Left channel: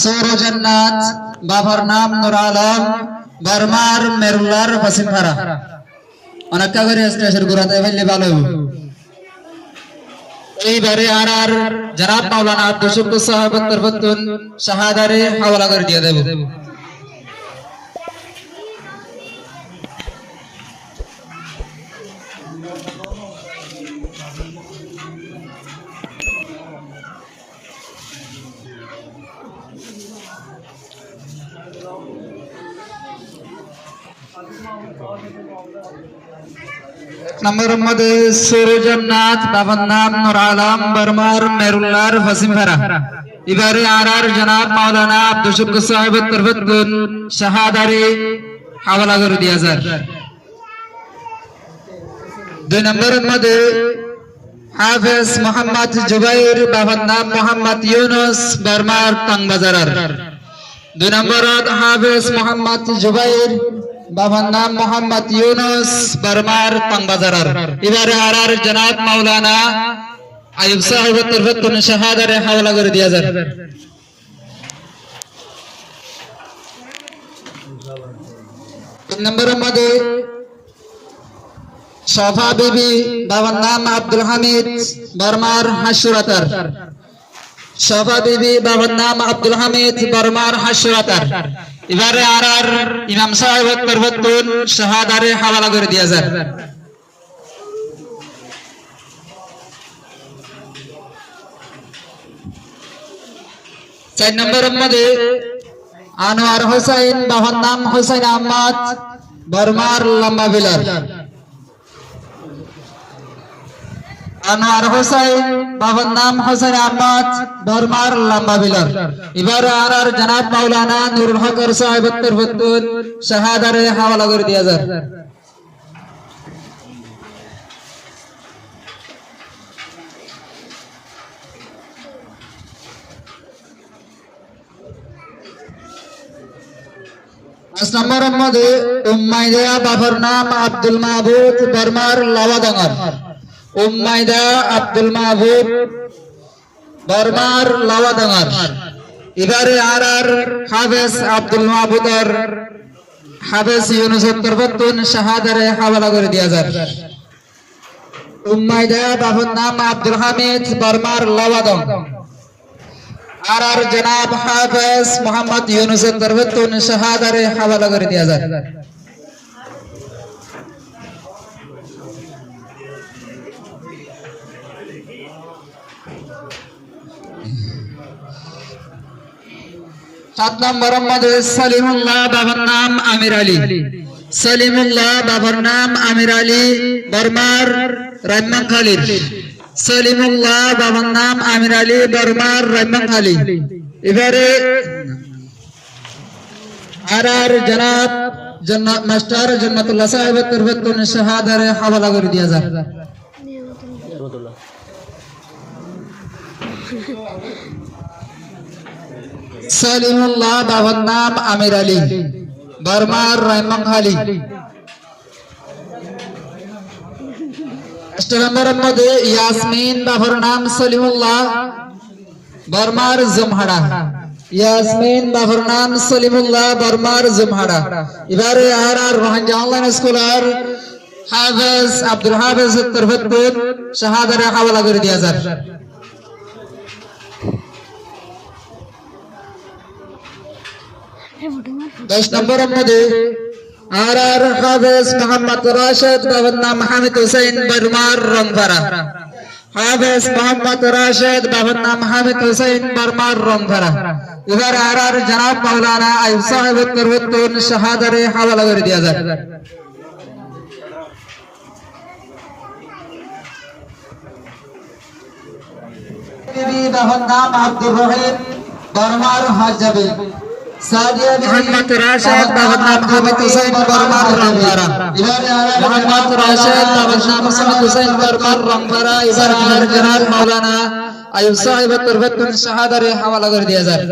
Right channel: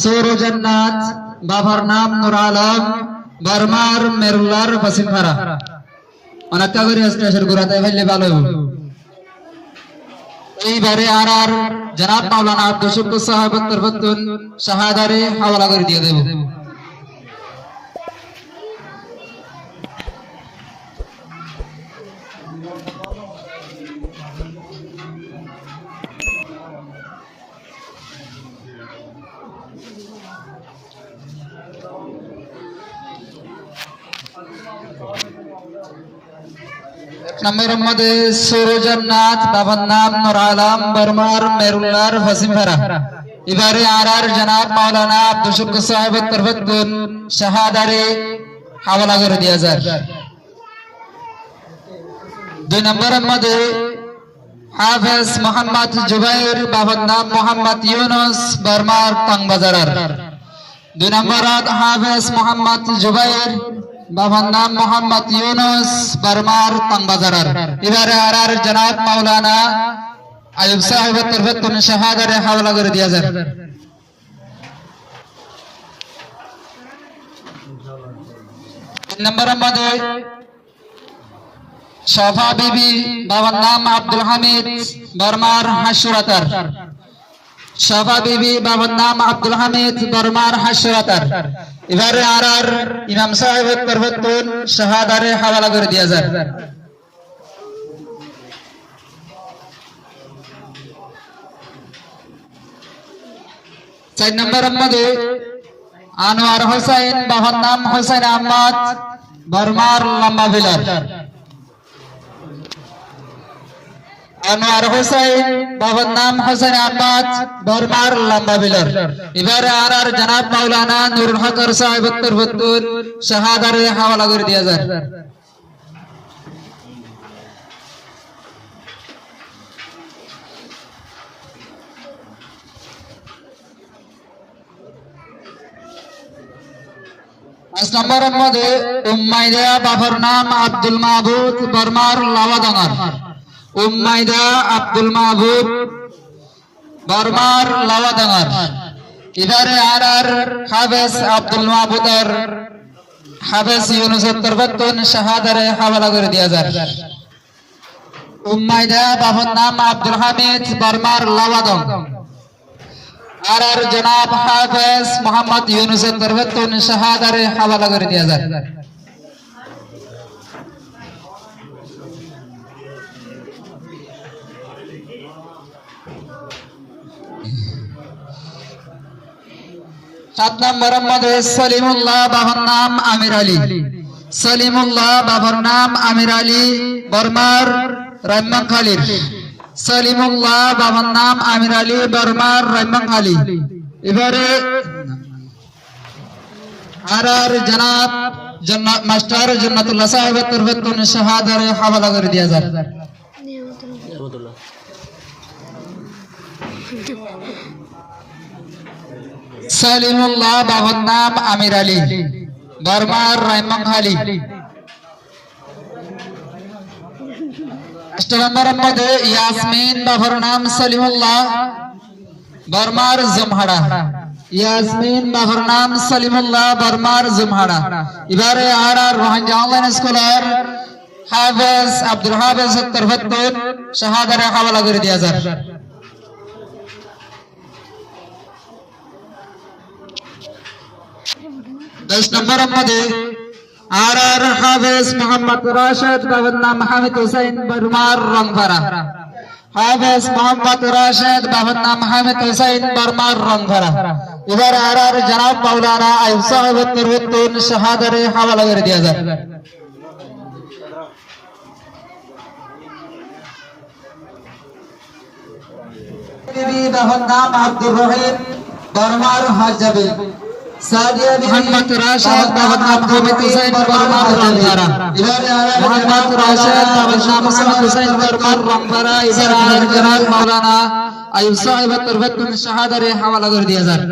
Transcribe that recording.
সৌরজন্নাথ, বাবার নাম নুর আলম, বর্মার মেরুল্লার বসিমপাড়া। অনেক করে স্টেশন ঘুরাতে ফেললে ভালো। এইবারে আর জনাব মাওলানা আব্দুল শুকুর সাহেব তরফতুন শাহাদারে হাওয়ালা করে দিয়ে দেব। নম্বরের মধ্যে সৌরজন্নাথ, বাবার নাম নুর আলম, বর্মার মেরুল্লার বসিমপাড়া। এবারে আর জনাব মাওলানা আব্দুল শুকুর সাহেব তরফতুন শাহাদারে হাওয়ালা করে দিয়ে যায়। 2 নম্বরের মধ্যে হাফেজ মোহাম্মদ জুবাইর, বাবার নাম মোহাম্মদ ইউনুস, বর্মার টাংবাজার। 2 নম্বরত হাফেজ মোহাম্মদ জুবাইর, বাবার নাম মোহাম্মদ ইউনুস, বর্মার টাংবাজার। এবারে আর জনাব মাওলানা আইয়ুব সাহেব তরফতুন শাহাদারে হাওয়ালা করে দিয়ে যায়। 3 নম্বরের মধ্যে শফা বিবি, বাবার নাম আব্দুল হামিদ, বর্মার হাসুরাতার। শফা বিবি, বাবার নাম আব্দুল হামিদ, বর্মার হাসুরাতার। এবারে আর ইমাম সাহেব তরফতুন শাহাদারে হাওয়ালা করে দিয়ে যায়। 4 নম্বরের মধ্যে আনোয়ার হোসেন, বাবার নাম হোসেন আহমদ, বর্মার লম্বা বিলার। আনোয়ার হোসেন, বাবার নাম হোসেন আহমদ, বর্মার লম্বা বিলার। এবারে আর জনাব মাওলানা নুরুল হক সাহেব তরফতুন শাহাদারে হাওয়ালা করে দিয়ে যায়। 5 নম্বরের মধ্যে উম্মাইদা, বাবার নাম আব্দুল মাহবুব, বর্মার লাওয়াডাঙ্গার। উম্মাইদা আব্দুল মাহবুব, বর্মার লাওয়াডাঙ্গার। এবারে আর হাফেজ আব্দুল মাহবুবের হাফেজ ইউনুসের তরফতুন শাহাদারে হাওয়ালা করে দিয়ে যায়। উম্মাইদা, বাবার নাম আব্দুল হামিদ, বর্মার লাওয়াডাঙ্গা। আর জনাব হাফেজ মোহাম্মদ ইউনুসের তরফতুন শাহাদারে হাওয়ালা করে দিয়ে যায়। 7 নম্বরের মধ্যে সলিমুল্লাহ, বাবার নাম আমির আলী। সলিমুল্লাহ, বাবার নাম আমির আলী, বর্মার রাইমাখালী। সলিমুল্লাহ, বাবার নাম আমির আলী, বর্মার রাইমাখালী। এবারে আর জনাব মাস্টার জান্নাতুল্লাহ সাহেব তরফতুন শাহাদারে হাওয়ালা করে দিয়ে যায়। সলিমুল্লাহ, বাবার নাম আমির আলী, বর্মার রাইমাখালী। 8 নম্বরের মধ্যে ইয়াসমিন, বাবার নাম সলিমুল্লাহ, বর্মার জমহাড়া। ইয়াসমিন, বাবার নাম সলিমুল্লাহ, বর্মার জমহাড়া। এবারে আর রোহাঙ্গা অনলাইন স্কুলের হাফেজ আব্দুল হাফেজ তরফতুন শাহাদারে হাওয়ালা করে দিয়ে যায়। 10 নম্বরের মধ্যে আর হাফেজ মোহাম্মদ রাশেদ, বাবার নাম হামিদ হোসেন, বর্মার রংপাড়া। হাফেজ মোহাম্মদ রাশেদ, বাবার নাম হামিদ হোসেন, বর্মার রংপাড়া। এবার আর জনাব মাওলানা আইয়ুব সাহেব তরফতুন শাহাদারে হাওয়ালা করে দিয়ে যায়। বাবার নাম আব্দুর রহিম, বর্মার হাজাবি। সাদিয়া মোহাম্মদ রাশেদ, বাবার নাম হামিদ হোসেন, বর্মার রংপাড়া। এবারে আর মোহাম্মদ রাশেদ, বাবার নাম হামিদ হোসেন, বর্মার রংপাড়া। এবারে জনাব মাওলানা আইয়ুব সাহেব তরফতুন শাহাদারে হাওয়ালা করে দিয়ে যায়।